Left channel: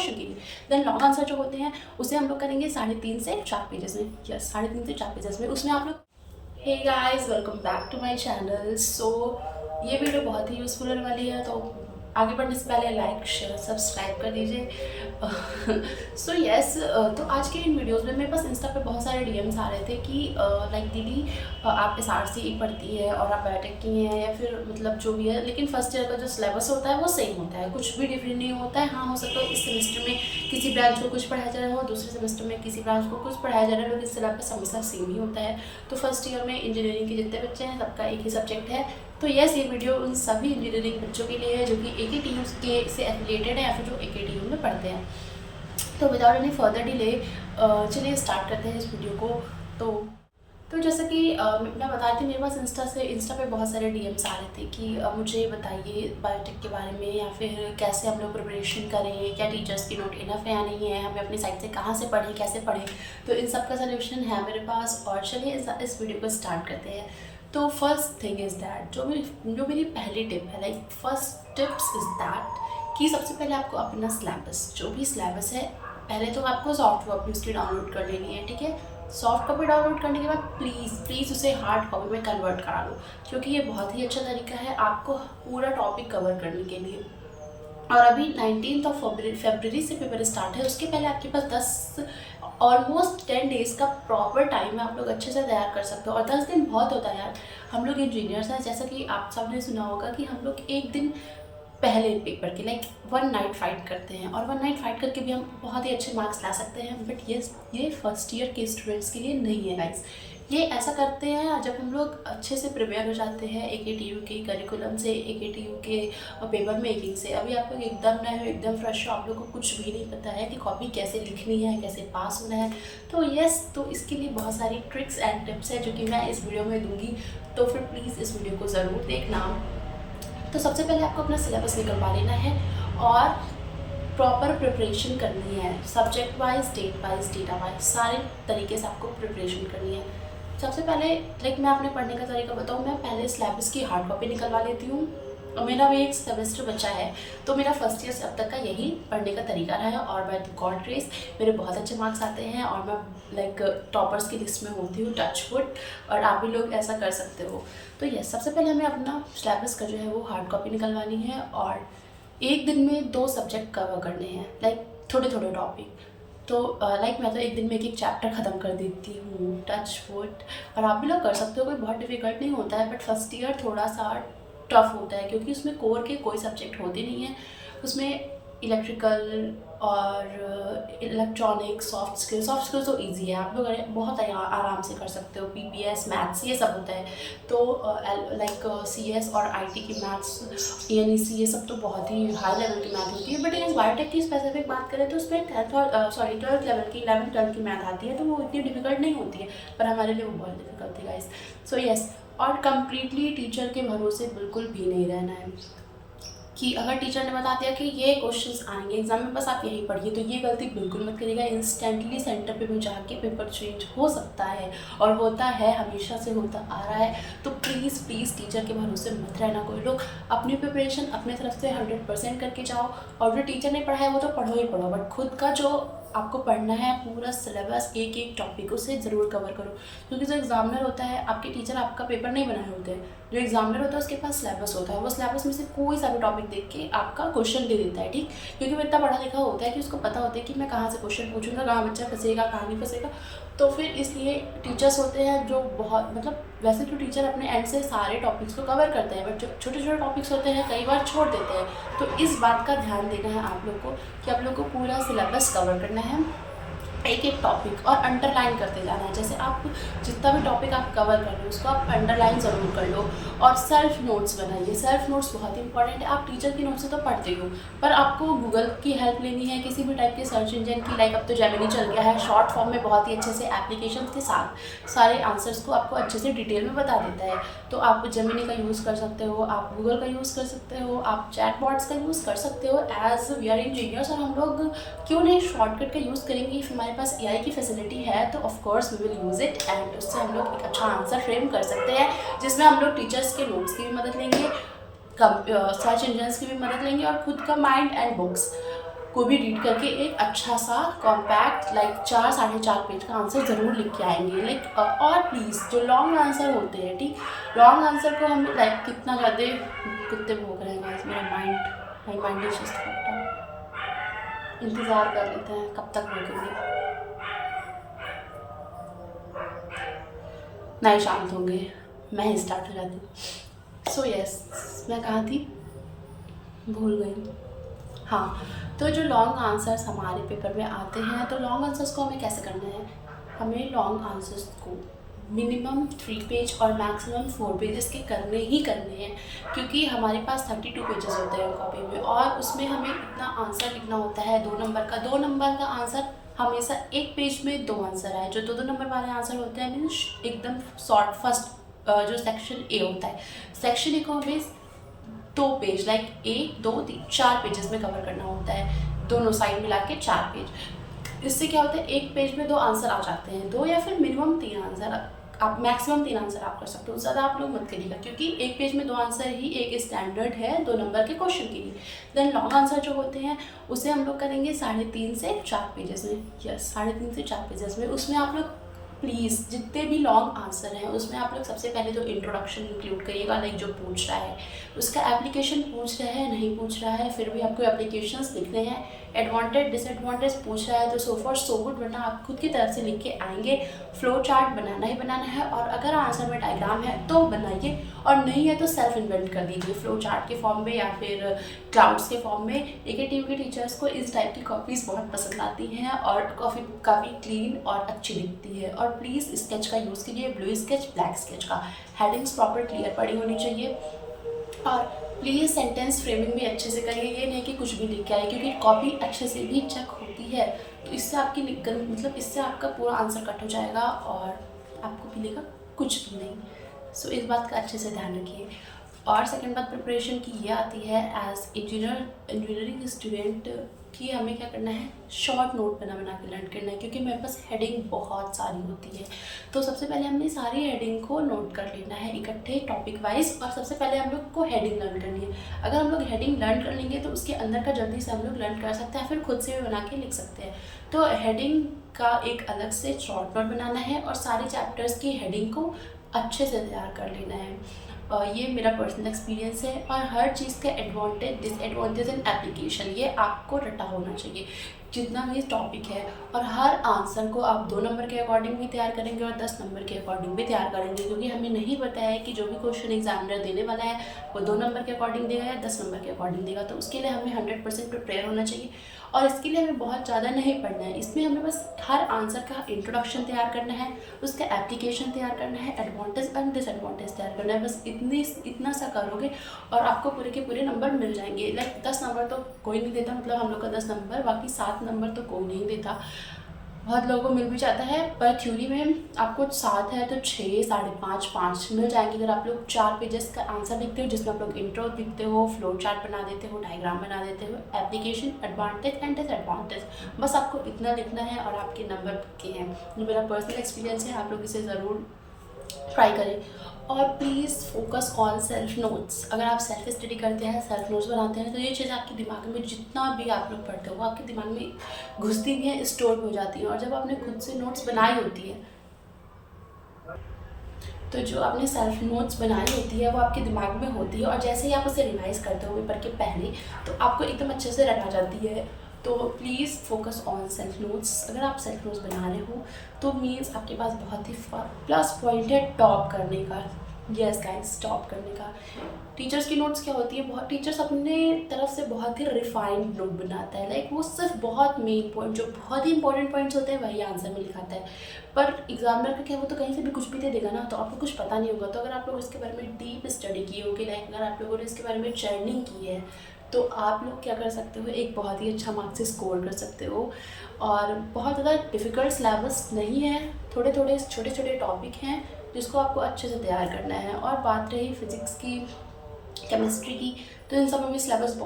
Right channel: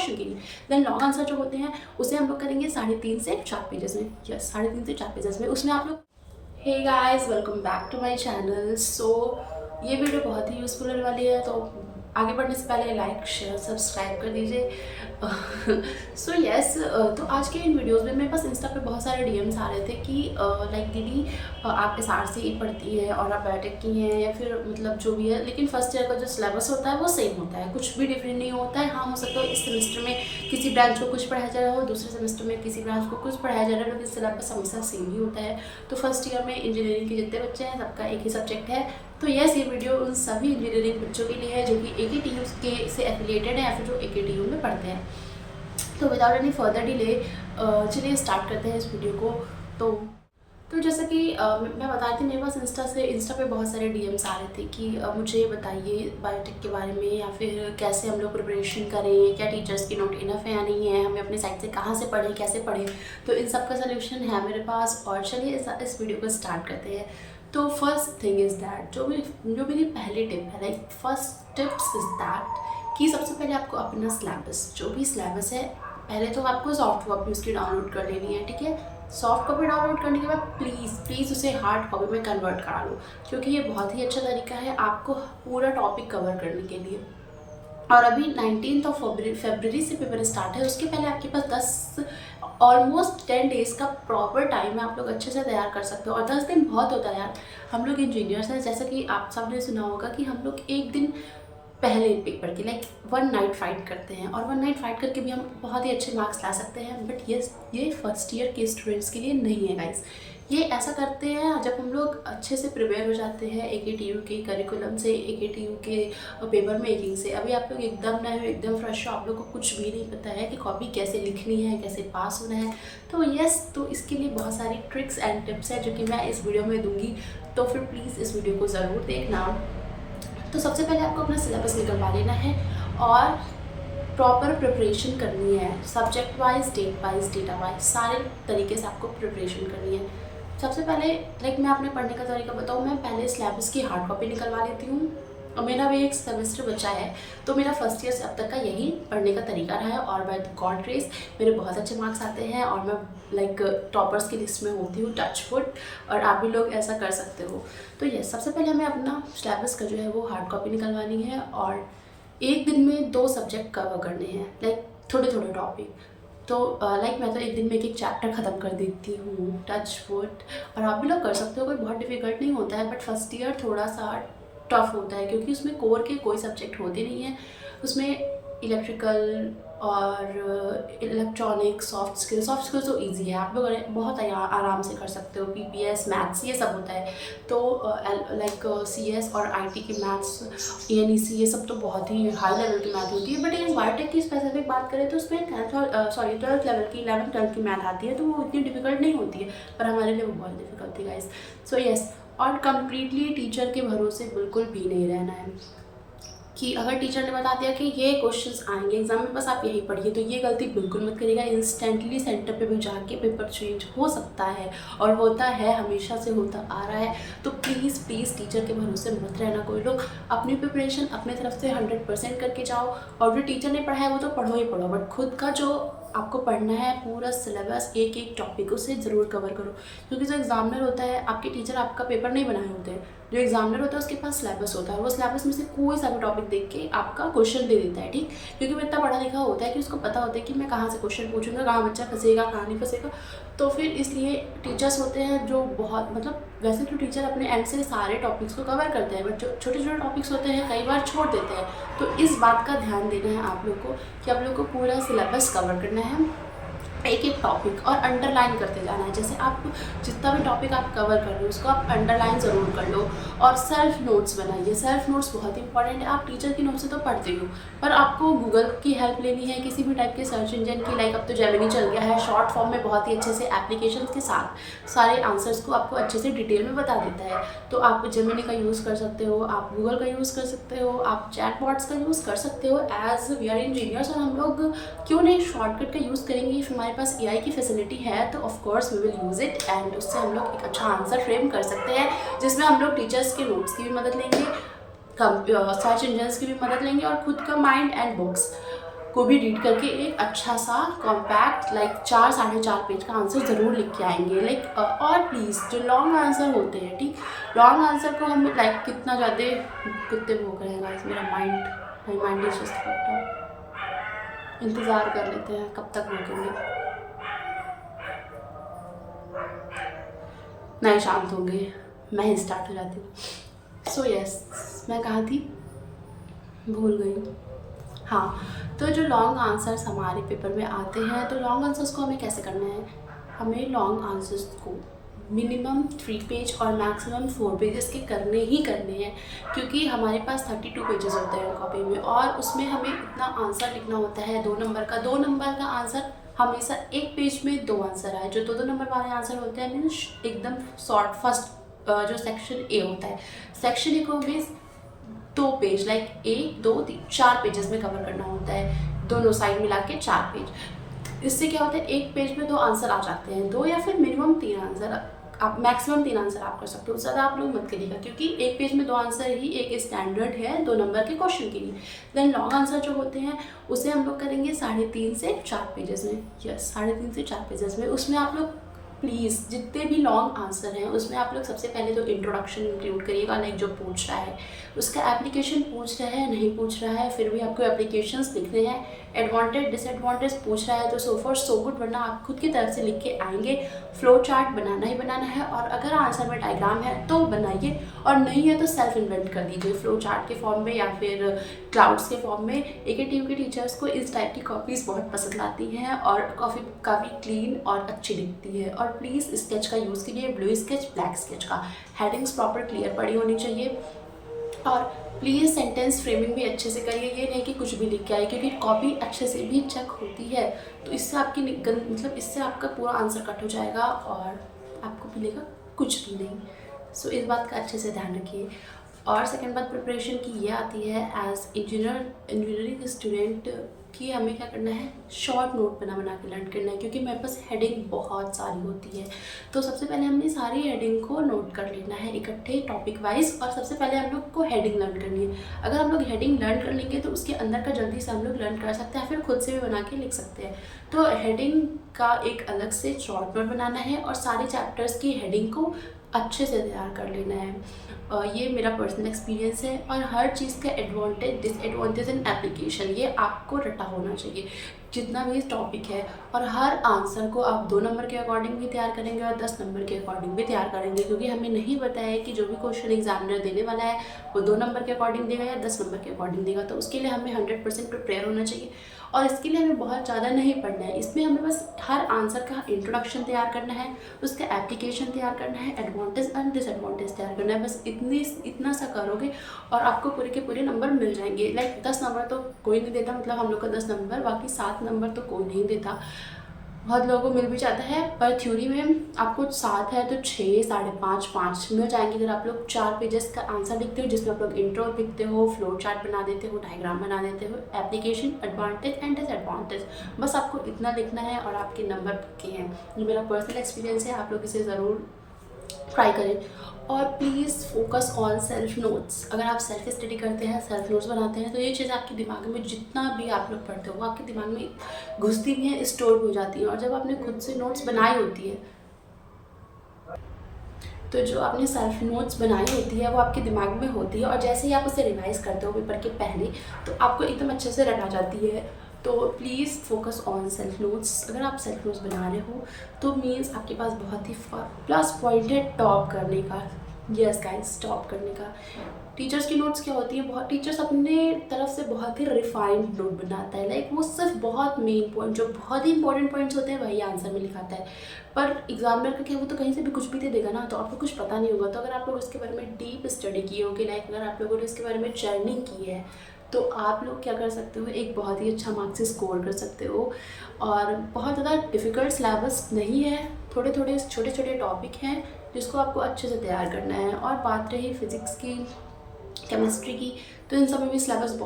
Question के लिए। Then long answer जो होते हैं उसे हम लोग करेंगे 3.5 से 4 पेजेस में, यस 3.5 से 4 पेजेस में। उसमें आप लोग, hey guys welcome back to my channel. So ये वीडियो बहुत ही यूज़फुल होने वाली है, तो आगे बढ़ने से पहले लाइक शेयर सब्सक्राइब कर दीजिए। सो यस, तो आज के इन वीडियोस में मेरे पास इंस्टा पे बहुत सारे डीएम्स आ रहे थे कि लाइक दीदी आप SRC पढ़ती है और आप बायोटेक की हैं या फिर मतलब जो भी है, लेकिन फर्स्ट ईयर का जो सिलेबस होता है वो सेम होता है, कुछ भी डिफरेंट नहीं होता है। हाँ, हो सकता है इस सेमेस्टर में किसी ब्रांच को कुछ पढ़ाया जा रहा हो, दूसरे सेमेस्टर में किसी ब्रांच को कुछ पढ़ाया जा रहा है, लेकिन सिलेबस हमेशा सेम ही होता है। तो फर्स्ट ईयर में इंजीनियरिंग के जितने बच्चे हैं सबका एक ही सब्जेक्ट है। तो यस, ये वीडियो उन सभी इंजीनियरिंग बच्चों के लिए है जो कि AKTU के से एफिलिएटेड है या फिर जो AKTU में पढ़ते हैं। तो विदाउट एनी फर्दर डिले चलिए स्टार्ट करते हैं इस वीडियो को। तो जैसा कि मैं बता रही थी, मेरे पास इंस्टा पे बहुत सारे डीएम्स आ रहे थे कि मुझे बताइए बायोटेक के बारे में, या फिर कैसे हम लोग प्रिपरेशन करें, क्या टीचर्स की नोट इनफ है या नहीं है, हमें अपनी साइड से कहाँ से पढ़ें, कैसे पढ़ें। तो इन सब का सोल्यूशन है मेरे पास, और चलिए इस वीडियो को स्टार्ट करते हैं। तो फर्स्ट थिंग इज़ दैट, जो मेरी पहली टिप है, like first tips is that कि सबसे पहले आपको अपना सिलेबस, जो भी सिलेबस है, पहले तो आपको सॉफ्ट कॉपी उसकी डाउनलोड कर लेनी है, ठीक है। सॉफ्ट कॉपी डाउनलोड करने के बाद प्लीज़ उसे हार्ड कॉपी में कन्वर्ट करा लो, क्योंकि ये बहुत ही अच्छा तरीका है आपको पूरा टॉपिक कवर करने के लिए। और अभी 19 फरवरी से पेपर स्टार्ट है, उसके पहले आपके पास ऑलमोस्ट 10 डेज़ का प्रॉपर टाइम है, आप लोग अच्छे से तैयार कर सकते हो। और 10 दिन बहुत होता है यार, हम लोग इंजीनियर्स हैं, जैसा कि आप सबने सुना होगा कि हम लोग एक दिन पहले पेपर के लाइक 1 नाइट फाइट करते हैं, और 1 नाइट फाइट करके भी हम बहुत ही अच्छे मार्क्स ला सकते हैं। बट ये फर्स्ट ईयर के स्टूडेंट्स के लिए नहीं है गाइस। ये ऐसा करते हैं जब हम लोग अच्छे से प्रिपेयर हो जाते हैं AKTU के करिकुलम से, AKTU के पेपर मेकिंग से। अभी आप लोग एकदम नए हो, एकदम फ्रेश हो, आप लोग को कुछ भी नहीं पता है कि कॉपी कैसे लिखनी है, कैसे पास होना है। तो यस, तो इसके लिए बहुत सारी ट्रिक्स एंड टिप्स है जो कि मैं इस वीडियो में दूँगी, तो फिर प्लीज़ इस वीडियो को ज़रूर देखना। तो सबसे पहले आपको अपना सिलेबस निकलवा लेना है और प्रॉपर प्रिपरेशन करनी है, subject wise, date wise, data wise, सारे तरीके से आपको प्रिपरेशन करनी है। सबसे पहले लाइक मैं अपने पढ़ने का तरीका बताऊँ, मैं पहले सिलेबस की हार्ड कॉपी निकलवा लेती हूँ। और मेरा भी एक सेमेस्टर बचा है, तो मेरा फर्स्ट ईयर से अब तक का यही पढ़ने का तरीका रहा है, और बाय गॉड ग्रेस मेरे बहुत अच्छे मार्क्स आते हैं और मैं लाइक टॉपर्स की लिस्ट में होती हूँ, टच वुड। और आप भी लोग ऐसा कर सकते हो। तो यस, सबसे पहले हमें अपना सिलेबस का जो है वो हार्ड कॉपी निकलवानी है, और एक दिन में 2 सब्जेक्ट कवर करने हैं, लाइक थोड़े थोड़े टॉपिक। तो लाइक मैं तो एक दिन में एक चैप्टर ख़त्म कर देती हूँ, टच वुड। और आप भी लोग कर सकते हो, कोई बहुत डिफ़िकल्ट नहीं होता है। बट फर्स्ट ईयर थोड़ा सा टफ होता है, क्योंकि उसमें कोर के कोई सब्जेक्ट होते नहीं हैं। उसमें इलेक्ट्रिकल और इलेक्ट्रॉनिक, सॉफ्ट स्किल्स तो इजी है, आप लोग बहुत आराम से कर सकते हो। PPS, मैथ्स, ये सब होता है। तो लाइक CS और IT की मैथ्स, ENEC, ये सब तो बहुत ही हाई लेवल की मैथ होती है। बट ये बायोटेक की स्पेसिफिक बात करें तो उसमें 12th लेवल की, 11th 12th की मैथ आती है, तो वो इतनी डिफिकल्ट नहीं होती है, पर हमारे लिए वो बहुत डिफिकल्ट थी गाइस। सो यस, और कम्प्लीटली टीचर के भरोसे बिल्कुल भी नहीं रहना है कि अगर टीचर ने बता दिया कि ये क्वेश्चंस आएंगे एग्जाम में, बस आप यही पढ़िए, तो ये गलती बिल्कुल मत करिएगा। इंस्टेंटली सेंटर पे भी जाके पेपर चेंज हो सकता है, और होता है, हमेशा से होता आ रहा है। तो प्लीज़ टीचर के भरोसे मत रहना। कोई लोग अपनी प्रिपरेशन अपने तरफ से 100% करके जाओ, और जो टीचर ने पढ़ा है वो तो पढ़ो ही पढ़ो, बट खुद का जो आपको पढ़ना है पूरा सिलेबस, एक एक टॉपिक उसे ज़रूर कवर करो। क्योंकि जो एग्जामिनर होता है, आपके टीचर आपका पेपर नहीं बनाए होते हैं, जो एग्जामिनर होता है उसके पास सिलेबस होता है, वो सिलेबस में से कोई सा भी टॉपिक देख के आपका क्वेश्चन दे देता है, ठीक। क्योंकि वो इतना पढ़ा लिखा होता है कि उसको पता होता है कि मैं कहाँ से क्वेश्चन पूछूंगा, कहाँ बच्चा फंसेगा, कहाँ नहीं फंसेगा। तो फिर इसलिए टीचर्स होते हैं जो बहुत, मतलब वैसे तो टीचर अपने एंड से सारे टॉपिक्स को कवर करते हैं, बट जो छोटे छोटे टॉपिक्स होते हैं कई बार छोड़ देते हैं। तो इस बात का ध्यान देना है आप लोग को कि आप लोग को पूरा सिलेबस कवर करना है, एक एक टॉपिक, और अंडरलाइन करते जाना है। जैसे आप जितना भी टॉपिक आप कवर कर रहे हो उसको आप अंडरलाइन ज़रूर कर लो, और सेल्फ नोट्स बनाइए। सेल्फ नोट्स बहुत इंपॉर्टेंट है। आप टीचर की नोट से तो पढ़ते हो, पर आपको गूगल की हेल्प लेनी है, किसी भी टाइप के सर्च इंजन की, लाइक अब तो जेमिनी चल गया है, शॉर्ट फॉर्म में बहुत ही अच्छे से एप्लीकेशन के साथ सारे आंसर्स को आपको अच्छे से डिटेल में बता देता है। तो आप जेमिनी का यूज़ कर सकते हो, आप गूगल का यूज़ कर सकते हो, आप चैटबॉट्स का यूज़ कर सकते हो। एज वी आर इंजीनियर्स, और हम लोग क्यों नहीं शॉर्टकट का यूज़ करेंगे। इफ हमारे पास AI की फैसिलिटी है तो of course we will use it, and उससे हम लोग एक अच्छा आंसर फ्रेम कर सकते हैं, जिसमें हम लोग टीचर्स के नोट्स की भी मदद लेंगे, सर्च इंजन्स की भी मदद लेंगे, और खुद का माइंड एंड बुक्स को भी रीड करके एक अच्छा सा कॉम्पैक्ट लाइक 4-4.5 पेज का आंसर ज़रूर लिख के आएंगे। लाइक और प्लीज़ जो लॉन्ग आंसर होते हैं, ठीक, लॉन्ग आंसर को हम लाइक कितना ज़्यादा कुत्ते भौंक रहे हैं guys, my mind is just fucked up. इंतज़ार कर लेते हैं कब तक भौंकेंगे, नहीं शांत होंगे, मैं ही स्टार्ट हो जाती हूँ। सो यस, मैं कहाँ थी, भूल गई। हाँ, तो जो लॉन्ग आंसर्स हमारे पेपर में आते हैं, तो लॉन्ग आंसर्स को हमें कैसे करना है, हमें लॉन्ग आंसर्स को मिनिमम 3 पेज और मैक्सिमम 4 पेजेस के करने ही करने हैं, क्योंकि हमारे पास 32 पेजेस होते हैं कॉपी में, और उसमें हमें इतना आंसर लिखना होता है 2 नंबर का। 2 नंबर का आंसर हमेशा एक पेज में 2 आंसर आए, जो 2-2 नंबर वाले आंसर होते हैं मीन्स एकदम शॉर्ट। फर्स्ट जो सेक्शन ए होता है, सेक्शन ए को हमें 2 पेज लाइक 1, 2, 3, 4 पेजेस में कवर करना होता है, दोनों साइड मिला के 4 पेज। इससे क्या होता है, एक पेज में 2 आंसर आ जाते हैं, 2 या फिर मिनिमम 3 आंसर, आप मैक्सिमम 3 आंसर आप कर सकते हो, ज़्यादा आप लोग मत करिएगा, क्योंकि एक पेज में 2 आंसर ही एक स्टैंडर्ड है 2 नंबर के क्वेश्चन के लिए। देन लॉन्ग आंसर जो होते हैं उसे हम लोग करेंगे 3.5 से 4 पेजेस में, यस 3.5 से 4 पेजेस में। उसमें आप लोग प्लीज़ जितने भी लॉन्ग आंसर हैं उसमें आप लोग सबसे पहले तो इंट्रोडक्शन इंक्लूड करिएगा, लाइक जो पूछ रहा है उसका एप्लीकेशन पूछ रहा है, नहीं पूछ रहा है फिर भी आपको एप्लीकेशंस लिखने हैं, एडवांटेज डिसएडवांटेज पूछ रहा है तो सो फॉर सो गुड, वरना आप खुद की तरफ से लिख के आएंगे। फ्लो चार्ट बनाना ही बनाना है, और अगर आंसर में डायग्राम है तो बनाइए, और नहीं है तो सेल्फ इन्वेंट कर दीजिए फ्लो चार्ट के फॉर्म में या फिर क्लाउड्स के फॉर्म में। AKTU के टीचर्स को इस टाइप की कॉपीज़ बहुत पसंद आती हैं और काफ़ी क्लीन और अच्छी दिखती है। और प्लीज़ स्केच का यूज़ कीजिए, ब्लू स्केच, ब्लैक स्केच का, हेडिंग्स प्रॉपर क्लियर पड़ी होनी चाहिए, और प्लीज़ सेंटेंस फ्रेमिंग भी अच्छे से करिए, ये नहीं कि कुछ भी लिख के आए, क्योंकि कॉपी अच्छे से भी चेक होती है, तो इससे आपकी मतलब इससे आपका पूरा आंसर कट हो जाएगा और आपको मिलेगा कुछ भी नहीं। सो इस बात का अच्छे से ध्यान रखिए। और सेकंड बात प्रिपरेशन की ये आती है, एज इंजीनियरिंग स्टूडेंट कि हमें क्या करना है, शॉर्ट नोट बना के लर्न करना है, क्योंकि मेरे पास हेडिंग बहुत सारी होती है। तो सबसे पहले हमने सारी हेडिंग को नोट कर लेना है इकट्ठे टॉपिक वाइज, और सबसे पहले हम लोग को हेडिंग लर्न करनी है। अगर हम लोग हेडिंग लर्न कर लेंगे तो उसके अंदर का जल्दी से हम लोग लर्न कर सकते हैं, फिर खुद से भी बना के लिख सकते हैं। तो हेडिंग का एक अलग से शॉर्ट नोट बनाना है, और सारे चैप्टर्स की हेडिंग को अच्छे से तैयार कर लेना है। ये मेरा पर्सनल एक्सपीरियंस है, और हर चीज़ का एडवांटेज डिसएडवांटेज एंड एप्लीकेशन ये आपको रटा होना चाहिए जितना भी टॉपिक है। और हर आंसर को आप 2 नंबर के अकॉर्डिंग भी तैयार करेंगे और 10 नंबर के अकॉर्डिंग भी तैयार करेंगे, क्योंकि हमें नहीं पता है कि जो भी क्वेश्चन एग्जामिनर देने वाला है वो 2 नंबर के अकॉर्डिंग देगा या 10 नंबर के अकॉर्डिंग देगा। तो उसके लिए हमें 100% प्रिपेयर होना चाहिए, और इसके लिए हमें बहुत ज़्यादा नहीं पढ़ना है। इसमें हमें बस हर आंसर का इंट्रोडक्शन तैयार करना है, उसका एप्लीकेशन तैयार करना है, एडवांटेज एंड डिसएडवांटेज तैयार करना है। बस इतना सा करोगे और आपको पूरे के पूरे नंबर मिल जाएंगे। लाइक 10 नंबर तो कोई नहीं देता, मतलब हम लोग का 10 नंबर, बाकी 7 नंबर तो कोई नहीं देता। बहुत लोगों को मिल भी जाता है, पर थ्योरी में आपको 7 है तो 6, 5.5, 5 मिल जाएंगे अगर आप लोग 4 पेजेस का आंसर लिखते हो, जिसमें आप लोग इंट्रो लिखते हो, फ्लो चार्ट बना देते हो, डायग्राम बना देते हो, एप्लीकेशन, एडवांटेज एंड डिसएडवांटेज। बस आपको इतना लिखना है और आपके नंबर पक्के हैं। ये मेरा पर्सनल एक्सपीरियंस है, आप लोग इसे ज़रूर ट्राई करें। और please focus on self notes. अगर आप सेल्फ स्टडी करते हैं, सेल्फ नोट्स बनाते हैं, तो ये चीज़ आपके दिमाग में जितना भी आप लोग पढ़ते हो वो आपके दिमाग में घुसती भी है, स्टोर भी हो जाती है। और जब आपने खुद से नोट्स बनाई होती है, तो जो आपने सेल्फ नोट्स बनाई होती है वो आपके दिमाग में होती है, और जैसे ही आप उसे रिवाइज करते हो पेपर के पहले, तो आपको एकदम अच्छे से रटा जाती है। तो please focus on self notes. अगर आप सेल्फ नोट्स बना रहे हो तो मीन्स आपके पास बहुत ही प्लस पॉइंट है टॉप करने का। यस गाइस, टॉप करने का। टीचर्स की नोट्स क्या होती है, बहुत टीचर्स अपने तरफ से बहुत ही रिफाइंड नोट बनाता है, लाइक वो सिर्फ बहुत मेन पॉइंट, जो बहुत ही इंपॉर्टेंट पॉइंट्स होते हैं वही आंसर में लिखाता है। पर एग्जामिनर का क्या, वो तो कहीं से भी कुछ भी दे देगा ना, तो आपको कुछ पता नहीं होगा। तो अगर आप लोग इसके बारे में डीप स्टडी किए होगी, लाइक अगर आप लोगों ने इसके बारे में जर्निंग की है, तो आप लोग क्या कर सकते हो, एक बहुत ही अच्छा मार्क्स स्कोर कर सकते हो। और बहुत ज़्यादा डिफ़िकल्ट सिलेबस नहीं है, थोड़े थोड़े छोटे छोटे टॉपिक हैं जिसको आपको अच्छे से तैयार करना है। और बात रही फिज़िक्स की, केमिस्ट्री की, तो इन सब में भी सिलेबस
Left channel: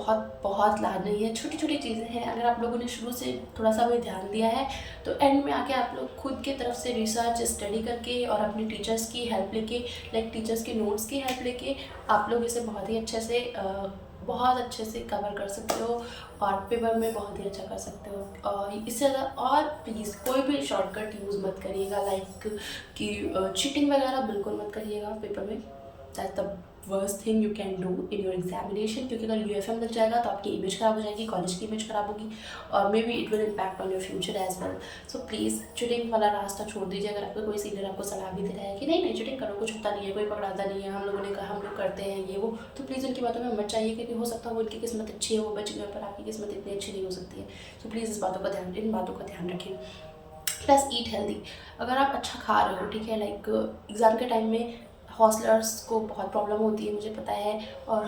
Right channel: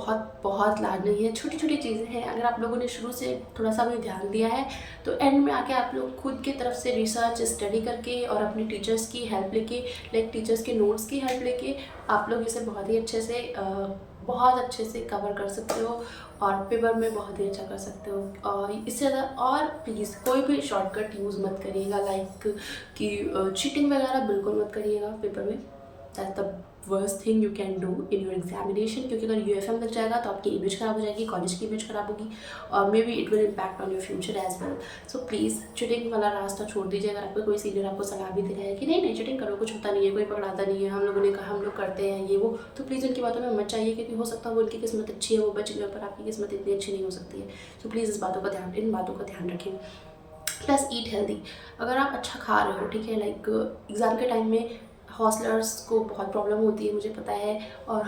बहुत लार्ज नहीं है, छोटी छोटी चीज़ें हैं। अगर आप लोगों ने शुरू से थोड़ा सा भी ध्यान दिया है तो एंड में आके आप लोग खुद की तरफ से रिसर्च स्टडी करके और अपने टीचर्स की हेल्प लेके, लाइक टीचर्स के नोट्स की हेल्प लेके, आप लोग इसे बहुत अच्छे से कवर कर सकते हो। और पेपर में बहुत ही अच्छा कर सकते हो। और इससे ज़्यादा और प्लीज़ कोई भी शॉर्टकट यूज़ मत करिएगा, लाइक कि चीटिंग वगैरह बिल्कुल मत करिएगा पेपर में। That's the worst thing you can do in your examination, क्योंकि अगर UFM लग जाएगा तो आपकी इमेज खराब हो जाएगी, कॉलेज की इमेज खराब होगी, और maybe it will impact on your future as well. So please cheating वाला रास्ता छोड़ दीजिए। अगर आपको कोई सीनियर आपको सलाह भी दे रहा है कि नहीं नहीं चीटिंग करो, कुछ होता नहीं है, कोई पकड़ाता नहीं है, हम लोगों ने कहा हम लोग करते हैं ये वो, तो प्लीज़ उनकी बातों में मत चाहिए, क्योंकि हो सकता है वो उनकी किस्मत अच्छी है, वो बच गए, पर आपकी किस्मत इतनी अच्छी नहीं हो सकती है। सो प्लीज़ इन बातों का ध्यान रखें। Plus eat healthy. अगर आप अच्छा खा रहे हो, ठीक है, लाइक एग्ज़ाम के टाइम में हॉस्टलर्स को बहुत प्रॉब्लम होती है, मुझे पता है। और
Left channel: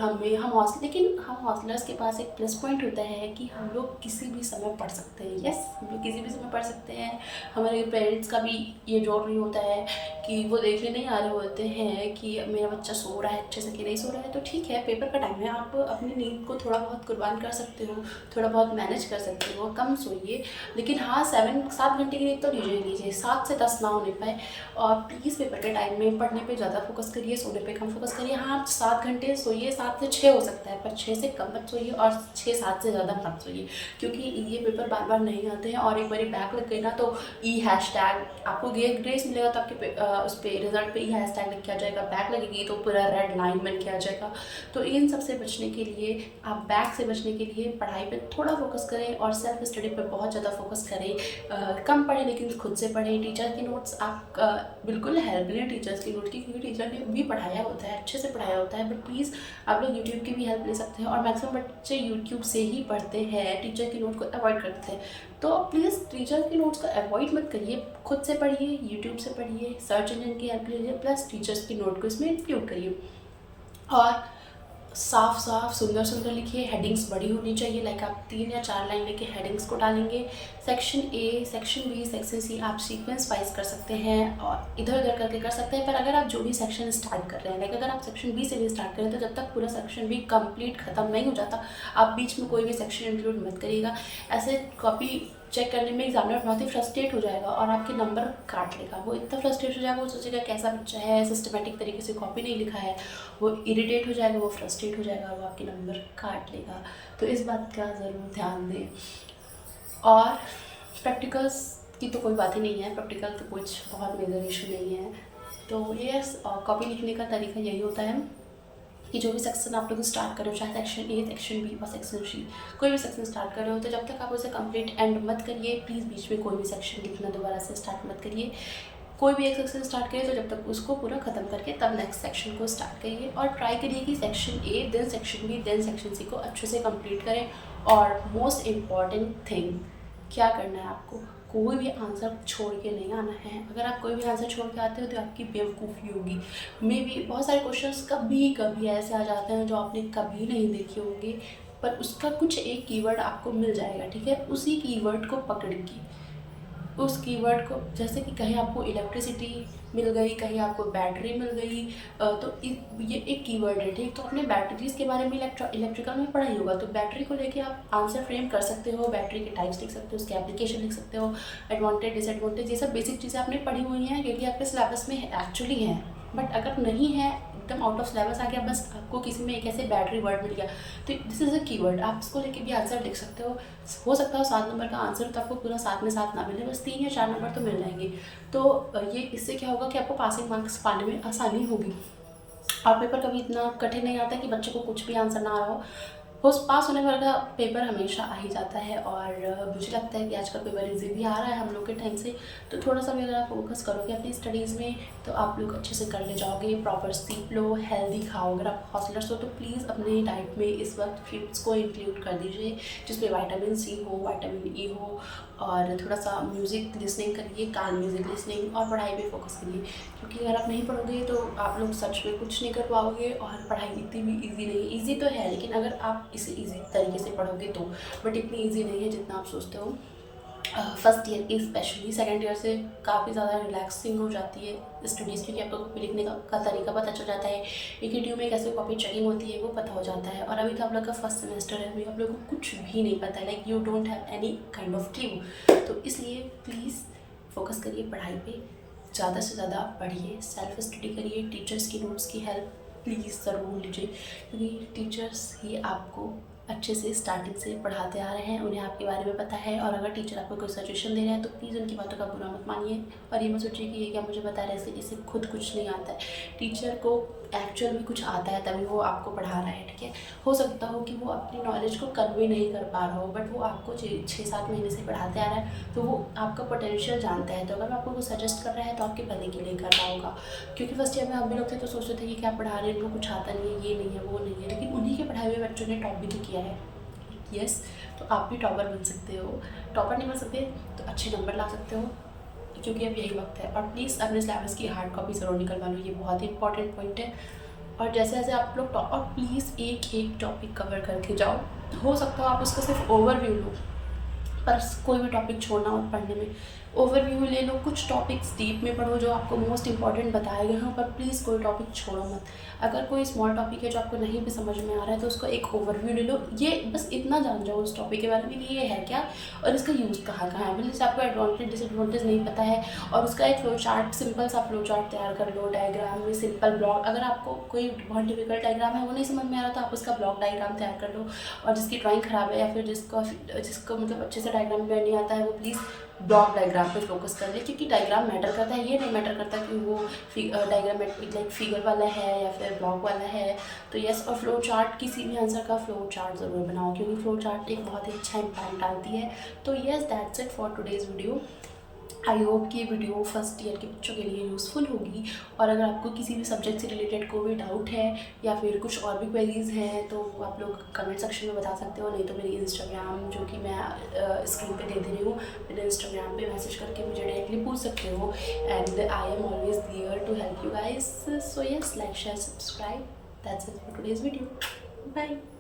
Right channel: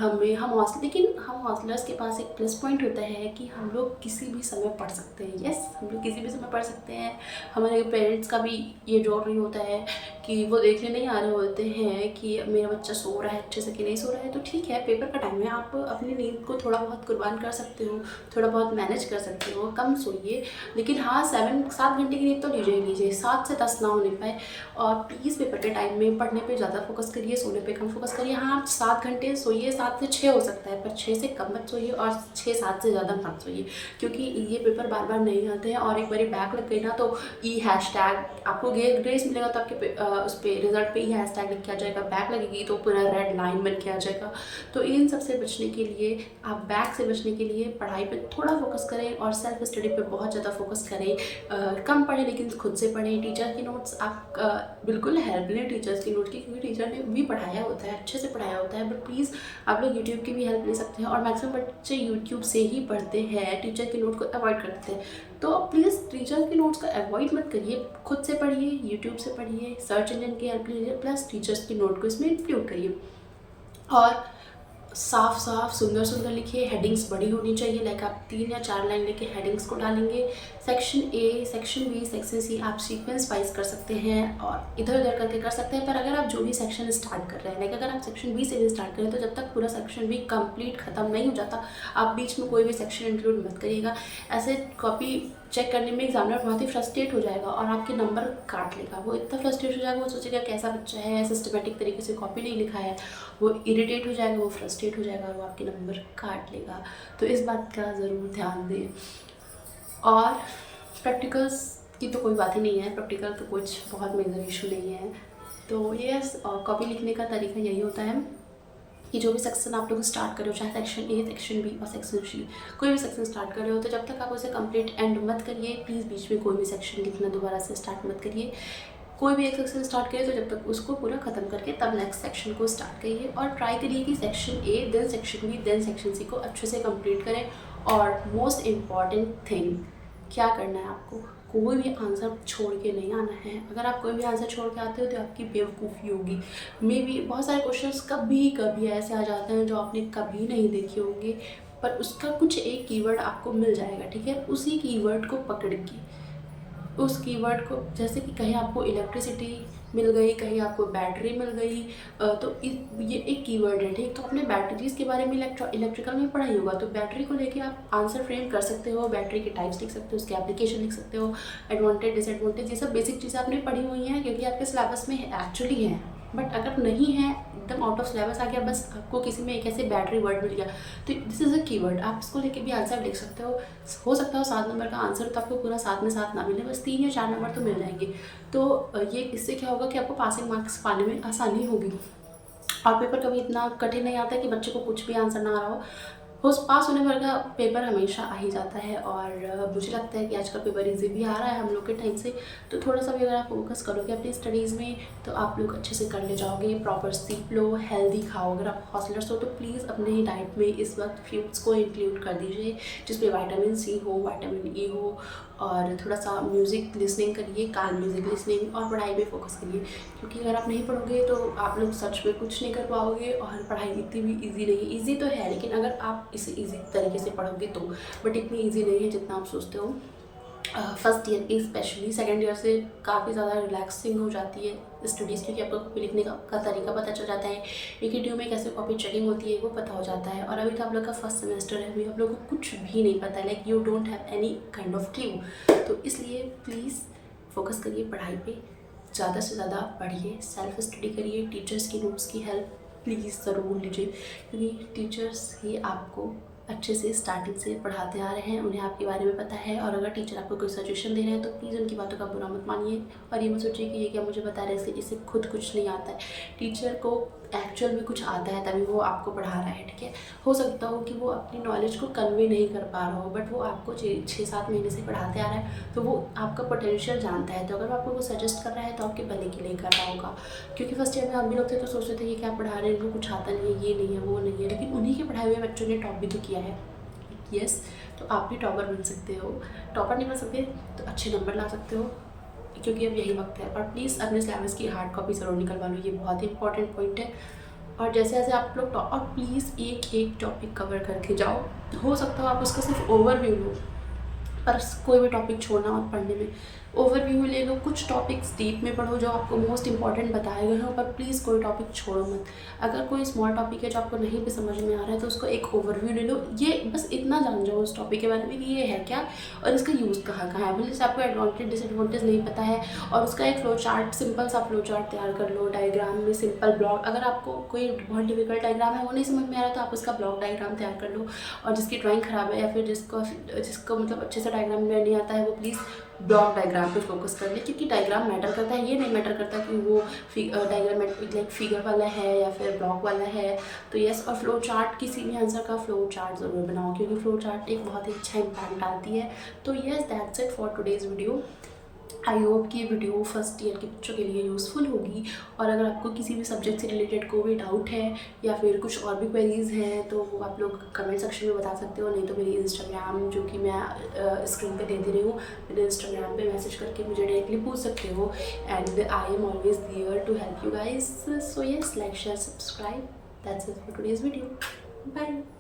लेकिन हम हॉस्टलर्स के पास एक प्लस पॉइंट होता है कि हम लोग किसी भी समय पढ़ सकते हैं। यस, हम लोग किसी भी समय पढ़ सकते हैं। हमारे पेरेंट्स का भी ये जॉब नहीं होता है कि वो देखने नहीं आ रहे होते हैं कि मेरा बच्चा सो रहा है अच्छे से कि नहीं सो रहा है। तो ठीक है, पेपर का टाइम है, आप अपनी नींद को थोड़ा बहुत कुर्बान कर सकते हो, थोड़ा बहुत मैनेज कर सकते हो, कम सोइए। लेकिन हाँ, 7 घंटे की नींद तो लीजिए 7 से 10 ना होने पाए। और प्लीज़ पेपर के टाइम में पढ़ने पे ज़्यादा फोकस करिए, सोने पे कम फोकस करिए। हाँ, आप 7 घंटे सोइए, 7 से 6 हो सकता है, पर 6 से कम मत सोइए और 6-7 से ज़्यादा मत सोइए, क्योंकि ये पेपर बार बार नहीं आते हैं। और एक बार बैक लग गई ना तो हैशटैग आपको ग्रेस मिलेगा, तो आपके उस पर रिजल्ट पे हैशटैग लिख के आ जाएगा। बैक लगेगी तो पूरा रेड लाइन बन के आ जाएगा। तो इन सब से बचने के लिए, आप बैक से बचने के लिए पढ़ाई पे थोड़ा फोकस करें और सेल्फ स्टडी पे बहुत ज़्यादा फोकस करें। कम पढ़ें लेकिन खुद से पढ़ें। टीचर की नोट्स आप बिल्कुल हेल्प लें टीचर्स की नोट की, क्योंकि टीचर ने भी पढ़ाया होता है, अच्छे से पढ़ाया होता है। बट प्लीज़ आप लोग यूट्यूब की भी हेल्प ले सकते हैं, और मैक्सिमम बच्चे यूट्यूब से ही पढ़ते हैं, टीचर की नोट को अवॉइड करते हैं। तो प्लीज़ टीचर की नोट्स को अवॉइड मत करिए, खुद से पढ़िए, यूट्यूब से पढ़िए, सर्च इंजन की हेल्प लीजिए, प्लस टीचर्स की नोट को इसमें इंक्लूड करिए। और साफ साफ सुंदर सुंदर लिखिए, हेडिंग्स बड़ी होनी चाहिए, लाइक आप 3 या 4 लाइन लेके हेडिंग्स को डालेंगे। Section A, section B, section C आप सीक्वेंस वाइज कर सकते हैं और इधर उधर करके कर सकते हैं। पर अगर आप जो भी सेक्शन स्टार्ट कर रहे हैं, लाइक अगर आप सेक्शन B से भी स्टार्ट करें, तो जब तक पूरा सेक्शन B कंप्लीट खत्म नहीं हो जाता, आप बीच में कोई भी सेक्शन इंक्लूड मत करिएगा। ऐसे कॉपी चेक करने में एग्जामिनर बहुत ही फ्रस्ट्रेट हो जाएगा और आपके नंबर काट लेगा। वो इतना फ्रस्ट्रेट हो जाएगा, वो सोचेगा कैसा बच्चा है, सिस्टमेटिक तरीके से कॉपी नहीं लिखा है। वो इरिटेट हो जाएगा, वो फ्रस्ट्रेट हो जाएगा और वो आपके नंबर काट लेगा। तो इस बात का ज़रूर ध्यान दें। और प्रैक्टिकल्स की तो कोई बात ही नहीं है, प्रैक्टिकल तो कुछ बहुत मेजर इशू नहीं है। तो यस, कॉपी लिखने का तरीका यही होता है कि जो भी सेक्शन आप लोग स्टार्ट कर रहे हो, चाहे सेक्शन A, सेक्शन B और सेक्शन C, कोई भी सेक्शन स्टार्ट कर रहे हो, तो जब तक आप उसे कंप्लीट एंड मत करिए, प्लीज़ बीच में कोई भी सेक्शन लिखना दोबारा से स्टार्ट मत करिए। कोई भी एक सेक्शन स्टार्ट करिए तो जब तक उसको पूरा ख़त्म करके तब नेक्स्ट सेक्शन को स्टार्ट करिए। और ट्राई करिए कि section A, then section B, then section C को अच्छे से कंप्लीट करें। और मोस्ट इम्पॉर्टेंट थिंग क्या करना है, आपको कोई भी आंसर छोड़ के नहीं आना है। अगर आप कोई भी आंसर छोड़ के आते हो तो आपकी बेवकूफ़ी होगी। मे बी बहुत सारे क्वेश्चंस कभी कभी ऐसे आ जाते हैं जो आपने कभी नहीं देखे होंगे, पर उसका कुछ एक कीवर्ड आपको मिल जाएगा, ठीक है। उसी कीवर्ड को पकड़ के, उस कीवर्ड को, जैसे कि कहीं आपको इलेक्ट्रिसिटी मिल गई, कहीं आपको बैटरी मिल गई, तो ये एक कीवर्ड है, ठीक। तो आपने बैटरीज के बारे में इलेक्ट्रिकल में पढ़ा ही होगा, तो बैटरी को लेके आप आंसर फ्रेम कर सकते हो, बैटरी के टाइप्स लिख सकते हो, उसके एप्लीकेशन लिख सकते हो, एडवांटेज डिसएडवांटेज, ये सब बेसिक चीज़ें आपने पढ़ी हुई हैं, क्योंकि आपके सिलेबस में एक्चुअली है। बट अगर नहीं है, एकदम आउट ऑफ सिलेबस आ गया, बस आपको किसी में एक ऐसे बैटरी वर्ड मिल गया, तो दिस इज़ अ कीवर्ड, आप इसको लेके भी आंसर लिख सकते हो सकता है 7 नंबर का आंसर तो आपको पूरा 7 में 7 ना मिले, बस 3 या 4 नंबर तो मिल जाएंगे। तो ये इससे क्या होगा कि आपको पासिंग मार्क्स पाने में आसानी होगी। और पेपर कभी इतना कठिन नहीं आता है कि बच्चे को कुछ भी आंसर ना आ रहा हो। पास होने वाला पेपर हमेशा आ ही जाता है। और मुझे लगता है कि आजकल पेपर इजी भी आ रहा है हम लोग के टाइम से, तो थोड़ा सा भी अगर आप फोकस करोगे अपनी स्टडीज़ में तो आप लोग अच्छे से कर ले जाओगे। प्रॉपर सीख लो, हेल्दी खाओ। अगर आप हॉस्टलर्स हो तो प्लीज़ अपनी डाइट में इस वक्त फ्रूट्स को इंक्लूड कर दीजिए, जिसमें विटामिन C हो, विटामिन E हो। और थोड़ा सा म्यूज़िक लिसनिंग करिए, कान म्यूज़िक लिसनिंग, और पढ़ाई पे फोकस करिए, क्योंकि अगर आप नहीं पढ़ोगे तो आप लोग सच में कुछ नहीं कर पाओगे। और पढ़ाई इतनी भी इजी नहीं, इजी तो है लेकिन अगर आप इसे इजी तरीके से पढ़ोगे तो, बट इतनी इजी नहीं है जितना आप सोचते हो। फर्स्ट ईयर की स्पेशली, सेकेंड ईयर से काफ़ी ज़्यादा रिलैक्सिंग हो जाती है स्टडीज़, क्योंकि आपको कॉपी लिखने का तरीका पता चल जाता है, एक ही ट्यूब में कैसे कॉपी चेकिंग होती है वो पता हो जाता है। और अभी तो आप लोग का फर्स्ट सेमेस्टर है, अभी आप लोग को कुछ भी नहीं पता है, like you don't have any kind of clue. तो इसलिए प्लीज़ फोकस करिए पढ़ाई पे, ज़्यादा से ज़्यादा पढ़िए, सेल्फ स्टडी करिए, टीचर्स की नोट्स की हेल्प प्लीज़ ज़रूर लीजिए, क्योंकि टीचर्स ही आपको अच्छे से स्टार्टिंग से पढ़ाते आ रहे हैं, उन्हें आपके बारे में पता है। और अगर टीचर आपको कोई सजेशन दे रहे हैं तो प्लीज़ उनकी बातों का बुरा मत मानिए और ये मत सोचिए कि ये क्या मुझे बता रहे हैं, इसे खुद कुछ नहीं आता है। टीचर को एक्चुअल में कुछ आता है तभी वो आपको पढ़ा रहा है, ठीक है। हो सकता हो कि वो अपनी नॉलेज को कन्वे नहीं कर पा रहा हो, बट वो आपको 6-7 महीने से पढ़ाते आ रहा है, तो वो आपका पोटेंशियल जानता है। तो अगर वो आपको वो सजेस्ट कर रहा है तो आपके भले के लिए कर रहा होगा। क्योंकि फर्स्ट ईयर में हम भी लोग थे तो सोचते थे कि क्या पढ़ा रहे हैं, इनको कुछ आता नहीं है, ये नहीं है, वो नहीं है, लेकिन उन्हीं के पढ़ाए हुए बच्चों ने टॉप भी तो किया है। यस, तो आप भी टॉपर बन सकते हो। टॉपर नहीं बन सकते तो अच्छे नंबर ला सकते हो, क्योंकि अब यही वक्त है। और प्लीज़ अपने सिलेबस की हार्ड कॉपी ज़रूर निकलवा लो, ये बहुत ही इंपॉर्टेंट पॉइंट है। और जैसे जैसे आप लोग और प्लीज़ एक एक टॉपिक कवर करके जाओ। हो सकता हो आप उसका सिर्फ ओवरव्यू लो, पर कोई भी टॉपिक छोड़ना मत पढ़ने में। ओवरव्यू ले लो, कुछ टॉपिक्स डीप में पढ़ो जो आपको मोस्ट इंपॉर्टेंट बताए गए हों, पर प्लीज़ कोई टॉपिक छोड़ो मत। अगर कोई स्मॉल टॉपिक है जो आपको नहीं भी समझ में आ रहा है तो उसको एक ओवरव्यू ले लो। ये बस इतना जान जाओ उस टॉपिक के बारे में कि ये है क्या और इसका यूज़ कहाँ कहाँ है। भले से आपको एडवांटेज डिसएडवांटेज नहीं पता है, और उसका एक फ्लो चार्ट, सिंपल सा फ्लो चार्ट तैयार कर लो। डायग्राम में सिंपल ब्लॉक, अगर आपको कोई बहुत डिफिकल्ट डायग्राम है वो नहीं समझ में आ रहा तो आप उसका ब्लॉक डायग्राम तैयार कर लो। और जिसकी ड्राइंग ख़राब है या फिर जिसको मतलब अच्छे से डायग्राम में नहीं आता है, वो प्लीज़ ब्लॉक डायग्राम पे फोकस कर ले, क्योंकि डायग्राम मैटर करता है। ये नहीं मैटर करता कि वो डायग्राम लाइक फिगर वाला है या फिर ब्लॉक वाला है। तो यस, और फ्लो चार्ट, किसी भी आंसर का फ्लो चार्ट ज़रूर बनाओ, क्योंकि फ्लो चार्ट एक बहुत ही अच्छा इम्पैक्ट डालती है। तो yes, that's it for today's video. I hope कि ये वीडियो फर्स्ट ईयर के बच्चों के लिए यूज़फुल होगी। और अगर आपको किसी भी सब्जेक्ट से रिलेटेड कोई भी डाउट है या फिर कुछ और भी क्वेरीज़ हैं तो आप लोग कमेंट सेक्शन में बता सकते हो। नहीं तो मेरी इंस्टाग्राम, जो कि मैं स्क्रीन पे दे दे रही हूँ, मेरे इंस्टाग्राम पे मैसेज करके मुझे डायरेक्टली पूछ सकते हो। And I am always there to help you guys. So yes, like share subscribe. That's it for today's video. Bye.